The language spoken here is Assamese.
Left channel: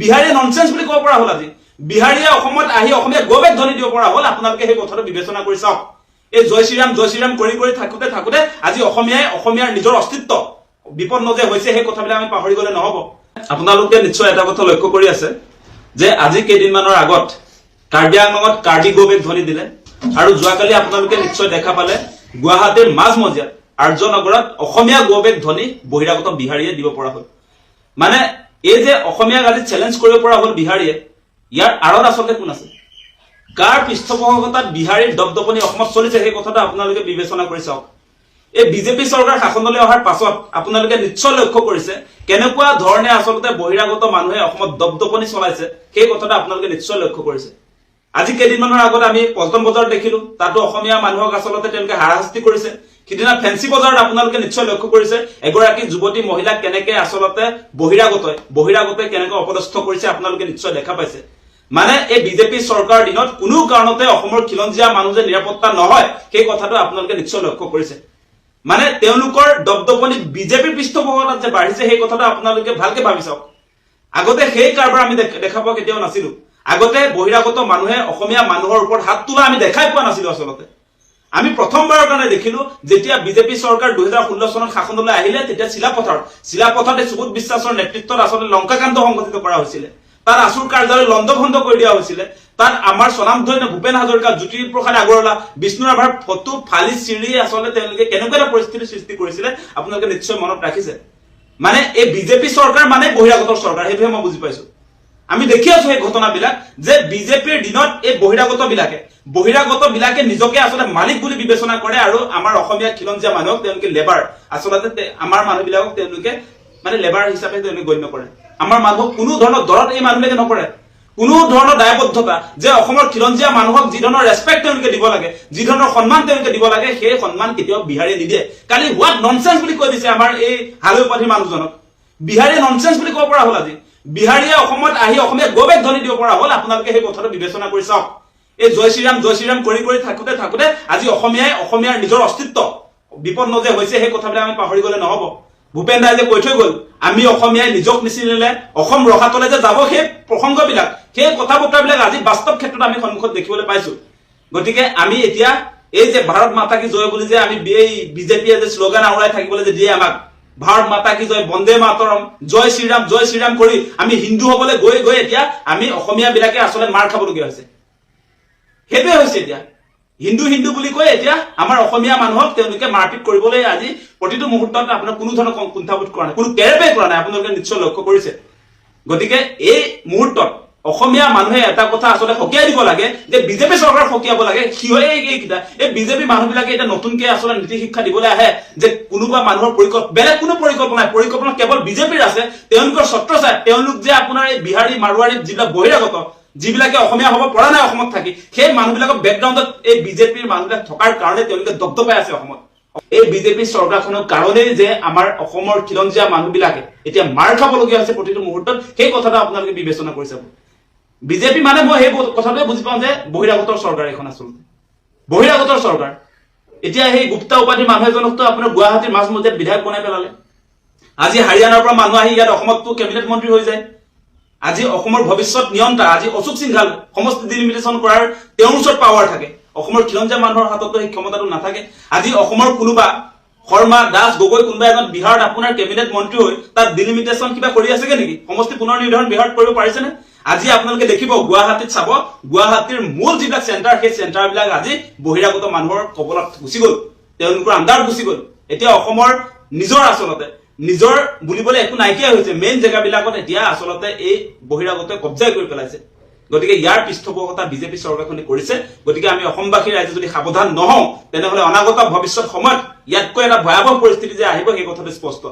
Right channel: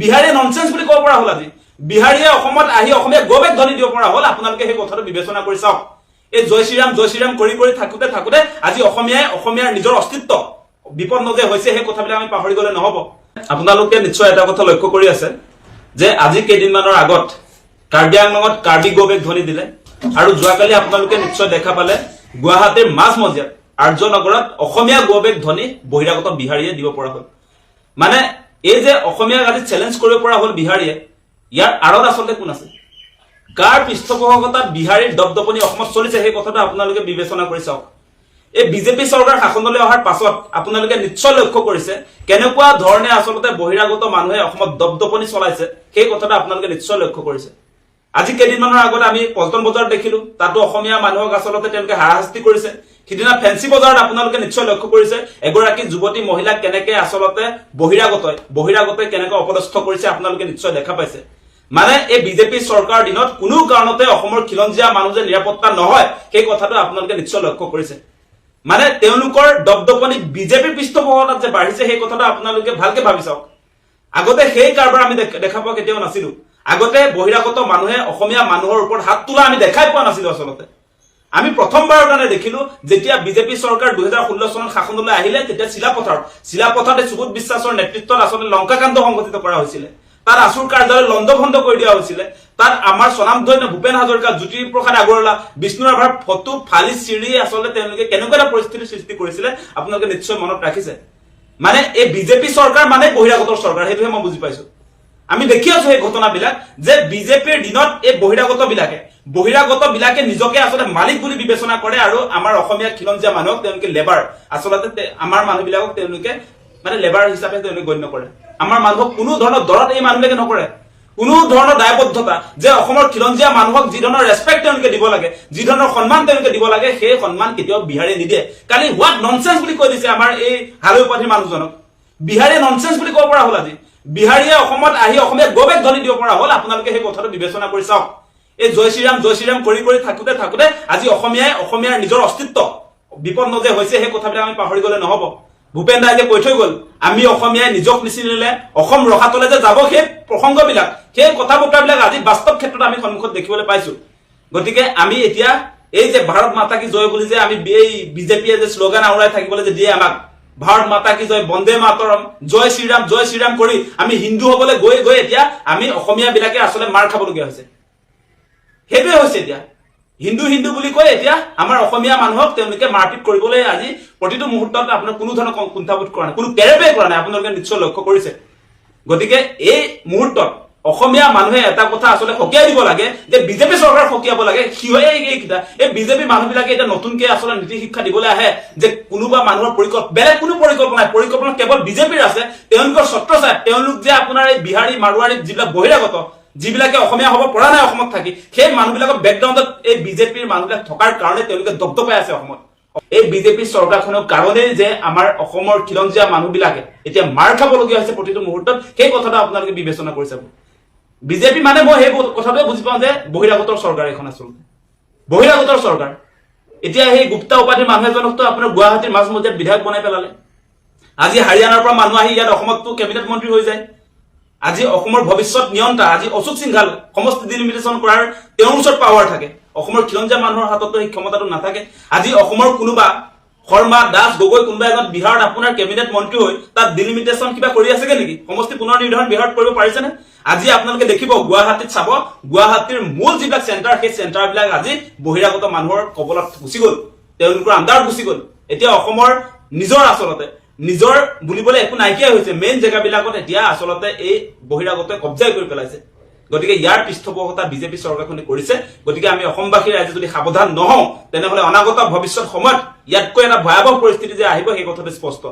বিহাৰীয়ে ননসেন্স বুলি ক'ব পৰা হ'ল আজি বিহাৰীয়ে অসমত আহি অসমীয়া গৌৰৱ ধ্বনি দিব পৰা হ'ল আপোনালোকে সেই কথাটো বিবেচনা কৰি চাওক এই জয় শ্ৰীৰাম কৰি থাকোতে আজি অসমীয়াৰ নিজৰ অস্তিত্ব বিপন্ন যে হৈছে সেই কথাবিলাক আমি পাহৰি গলে নহব আপোনালোকে নিশ্চয় এটা কথা লক্ষ্য কৰি আছে যে আজি কেইদিনমানৰ আগত কাৰ্বি আংলঙত কাৰ্বি গৌৰৱ ধ্বনি দিলে আৰু যোৱাকালি আপোনালোকে নিশ্চয় দেখা পালে গুৱাহাটীৰ মাজমজিয়াত আৰ্যনগৰত অসমীয়া গৌৰৱ ধ্বনি বহিৰাগত বিহাৰীয়ে দিব পৰা হ'ল মানে এই যে অসমীয়া আজি চ্যালেঞ্জ কৰিব পৰা হ'ল বিহাৰীয়ে ইয়াৰ আৰত আচলতে কোন আছে কাৰ পৃষ্ঠপোষকতাত বিহাৰীৰ দপদপনি অসমত চলিছে সেই কথাটো আপোনালোকে বিবেচনা কৰি চাওক এই বিজেপি চৰকাৰ শাসনলৈ অহাৰ পাছত আপোনালোকে নিশ্চয় লক্ষ্য কৰিছে কেনেকুৱা ধৰণে আচলতে বহিৰাগত মানুহে অসমত দপদপনি চলাইছে সেই কথাটো আপোনালোকে নিশ্চয় লক্ষ্য কৰিছে আজি কেইদিনমানৰ আগত আমি পল্টন বজাৰত দেখিলো তাতো অসমীয়া মানুহক আচলতে তেওঁলোকে হাৰাশাস্তি কৰিছে সিদিনা ফেন্সি বজাৰত আপোনালোকে নিশ্চয় লক্ষ্য কৰিছে এগৰাকী যুৱতী মহিলাক কেনেকে আচলতে বহিৰাগতই কেনেকে অপদস্থ কৰিছে আপোনালোকে নিশ্চয় দেখা পাইছে মানে এই বিজেপি চৰকাৰৰ দিনত কোনো কাৰণতে অসমৰ খিলঞ্জীয়া মানুহ যে নিৰাপত্তা নহয় সেই কথাটো আপোনালোকে নিশ্চয় লক্ষ্য কৰিছে মানে তেওঁলোকৰ দপদপনি বিজেপিৰ পৃষ্ঠপোষকতাত যে বাঢ়িছে সেই কথাটো আপোনালোকে ভালকে ভাবি চাওক আগতে সেই কাৰবাৰ আমি দেখা পোৱা কেতিয়াও নাছিলো আগতে বহিৰাগত মানুহে অসমীয়া মানুহৰ ওপৰত হাত তোলা আমি দেখাই পোৱা নাছিলো আচলতে আমি প্ৰথমবাৰৰ কাৰণে দেখিলো যেতিয়া বিজেপি চৰকাৰ 2016 চনত শাসনলৈ আহিলে তেতিয়া চিলাপথাৰত সুবোধ বিশ্বাসৰ নেতৃত্বত আচলতে লংকাকাণ্ড সংঘটিত কৰা হৈছিল তাত আছুৰ কাৰ্যালয় লণ্ডভণ্ড কৰি দিয়া হৈছিল তাত আমাৰ স্বনামধন্য ভূপেন হাজৰিকা জ্যোতিপ্ৰসাদ আগৰৱালা বিষ্ণু ৰাভাৰ ফটো ফালি চিৰি আচলতে তেওঁলোকে কেনেকুৱা এটা পৰিস্থিতিৰ সৃষ্টি কৰিছিলে আপোনালোকে নিশ্চয় মনত ৰাখিছে মানে এই বিজেপি চৰকাৰ মানে বহিৰাগতৰ চৰকাৰ সেইটোহে মই বুজি পাইছো আমি দেখি আছো এই ঘটনাবিলাক যে বিজেপিৰ দিনত এই বহিৰাগত বিলাকে নিজকে আচলতে মালিক বুলি বিবেচনা কৰে আৰু আমাৰ অসমীয়া খিলঞ্জীয়া মানুহক তেওঁলোকে লেবাৰ আচলতে আমাৰ মানুহবিলাকক তেওঁলোকে মানে লেবাৰ হিচাপে তেওঁলোকে গণ্য কৰে আমাৰ মানুহক কোনো ধৰণৰ দৰত এই মানুহবিলাকে নকৰে কোনো ধৰণৰ দায়বদ্ধতা যে অসমৰ খিলঞ্জীয়া মানুহক যি ধৰণৰ ৰেসপেক্ট তেওঁলোকে দিব লাগে যি ধৰণৰ সন্মান তেওঁলোকে দিব লাগে সেই সন্মান কেতিয়াও বিহাৰীয়ে নিদিয়ে কালি হোৱাট ননসেন্স বুলি কৈ দিছে আমাৰ এই হালৈ উপাধিৰ মানুহজনক বিহাৰীয়ে ননসেন্স বুলি ক'ব পৰা হ'ল আজি বিহাৰীয়ে অসমত আহি অসমীয়া গৌৰৱ ধ্বনি দিব পৰা হ'ল আপোনালোকে সেই কথাটো বিবেচনা কৰি চাওক এই জয় শ্ৰীৰাম কৰি থাকোতে আজি অসমীয়াৰ নিজৰ অস্তিত্ব বিপন্ন যে হৈছে সেই কথাবিলাক আমি পাহৰি গলে নহব ভূপেন ৰায় যে কৈ থৈ গল আমি অসমীয়াই নিজক নিচিনিলে অসম ৰখাতলে যে যাব সেই প্ৰসংগবিলাক সেই কথা বতৰাবিলাক আজি বাস্তৱ ক্ষেত্ৰত আমি সন্মুখত দেখিবলৈ পাইছো গতিকে আমি এতিয়া এই যে ভাৰত মাতা কি জয় বুলি যে আমি এই বিজেপিয়ে যে শ্লোগান আউৰাই থাকিবলৈ যে দিয়ে আমাক ভাৰত মাতা কি জয় বন্দে মাতৰম জয় শ্ৰীৰাম কৰি আমি হিন্দু হবলৈ গৈ এতিয়া আমি অসমীয়া বিলাকে আচলতে মাৰ খাবলগীয়া হৈছে সেইটোৱে হৈছে এতিয়া হিন্দু বুলি কৈ এতিয়া আমাৰ অসমীয়া মানুহক তেওঁলোকে মাৰপিট কৰিবলৈ আজি প্ৰতিটো মুহূৰ্তত আপোনাৰ কোনো ধৰণৰ কুণ্ঠাবোধ কৰা নাই কোনো কেৰেপে কৰা নাই আপোনালোকে নিশ্চয় লক্ষ্য কৰিছে গতিকে এই মুহূৰ্তত অসমীয়া মানুহে এটা কথা আচলতে সকিয়াই দিব লাগে যে বিজেপি চৰকাৰ সকিয়াব লাগে এইকেইটা এই বিজেপি মানুহবিলাকে এটা নতুনকে আচলতে নীতি শিক্ষা দিবলৈ আহে যে কোনোবা মানুহৰ বেলেগ কোনো পৰিকল্পনা কেৱল বিজেপিৰ আছে তেওঁলোকৰ ছত্ৰছায়াত তেওঁলোক যে আপোনাৰ এই বিহাৰী মাৰোৱাৰী যিবিলাক বহিৰাগত যিবিলাকে অসমীয়া হ'ব পৰা নাই অসমত থাকি সেই মানুহবিলাকৰ বেকগ্ৰাউণ্ডত এই বিজেপিৰ মানুহবিলাক থকাৰ কাৰণে তেওঁলোকে দপদপাই আছে অসমত এই বিজেপি চৰকাৰখনৰ কাৰণে যে আমাৰ অসমৰ খিলঞ্জীয়া মানুহবিলাকে এতিয়া মাৰ খাবলগীয়া হৈছে প্ৰতিটো মুহূৰ্তত সেই কথাটো আপোনালোকে বিবেচনা কৰি চাব বিজেপি মানে মই সেই কথাটোৱে বুজি পাওঁ যে বহিৰাগতৰ চৰকাৰ এখন আচলতে বহিৰাগতৰ চৰকাৰ এতিয়া সেই গুপ্তা উপাধিৰ মানুহ এজনকতো আপোনাৰ গুৱাহাটীৰ মাজমজিয়াত বিধায়ক বনাই পেলালে আজি হাৰিয়ানাৰ পৰা মানুহ আহি ইয়াত অসমততো কেবিনেট মন্ত্ৰী হৈ যায় আজি অসমৰ ভৱিষ্যত নিয়ন্তা আজি অশোক সিংঘাল সমষ্টি ডিলিমিটেশ্যন কৰাৰ তেওঁৰ ওচৰত পাৱাৰ থাকে অসমৰ খিলঞ্জীয়া মানুহৰ হাততো সেই ক্ষমতাটো নাথাকে আজি অসমৰ কোনোবা শৰ্মা দাস গগৈ কোনোবা এজন বিহাৰত আপোনাৰ কেবিনেট মন্ত্ৰী হৈ তাত ডিলিমিটেশ্যন কিবা কৰি আছেগে নেকি সমষ্টি পুনৰ নিৰ্ধাৰণ বিহাৰত কৰিব পাৰিছেনে আজি আপোনালোকে দেখিব গুৱাহাটীত চাব গুৱাহাটীৰ মূল যিবিলাক চেণ্টাৰ সেই চেণ্টাৰবিলাক আজি বহিৰাগত মানুহৰ কবলত গুচি গ'ল তেওঁলোকৰ আণ্ডাৰত গুচি গ'ল এতিয়া অসমৰ নিজৰ বুলিবলৈ একো নাইকিয়া হৈছে মেইন জেগাবিলাকত এতিয়া আচলতে এই বহিৰাগতই কব্জা কৰি পেলাইছে গতিকে ইয়াৰ পৃষ্ঠপোষকতা বিজেপি চৰকাৰখনে কৰিছে গতিকে আমি অসমবাসী ৰাইজে যদি সাৱধান নহওঁ তেনেহলে অনাগত ভৱিষ্যত সময়ত ইয়াতকৈ এটা ভয়াৱহ পৰিস্থিতি যে আহিব সেই কথাটো স্পষ্ট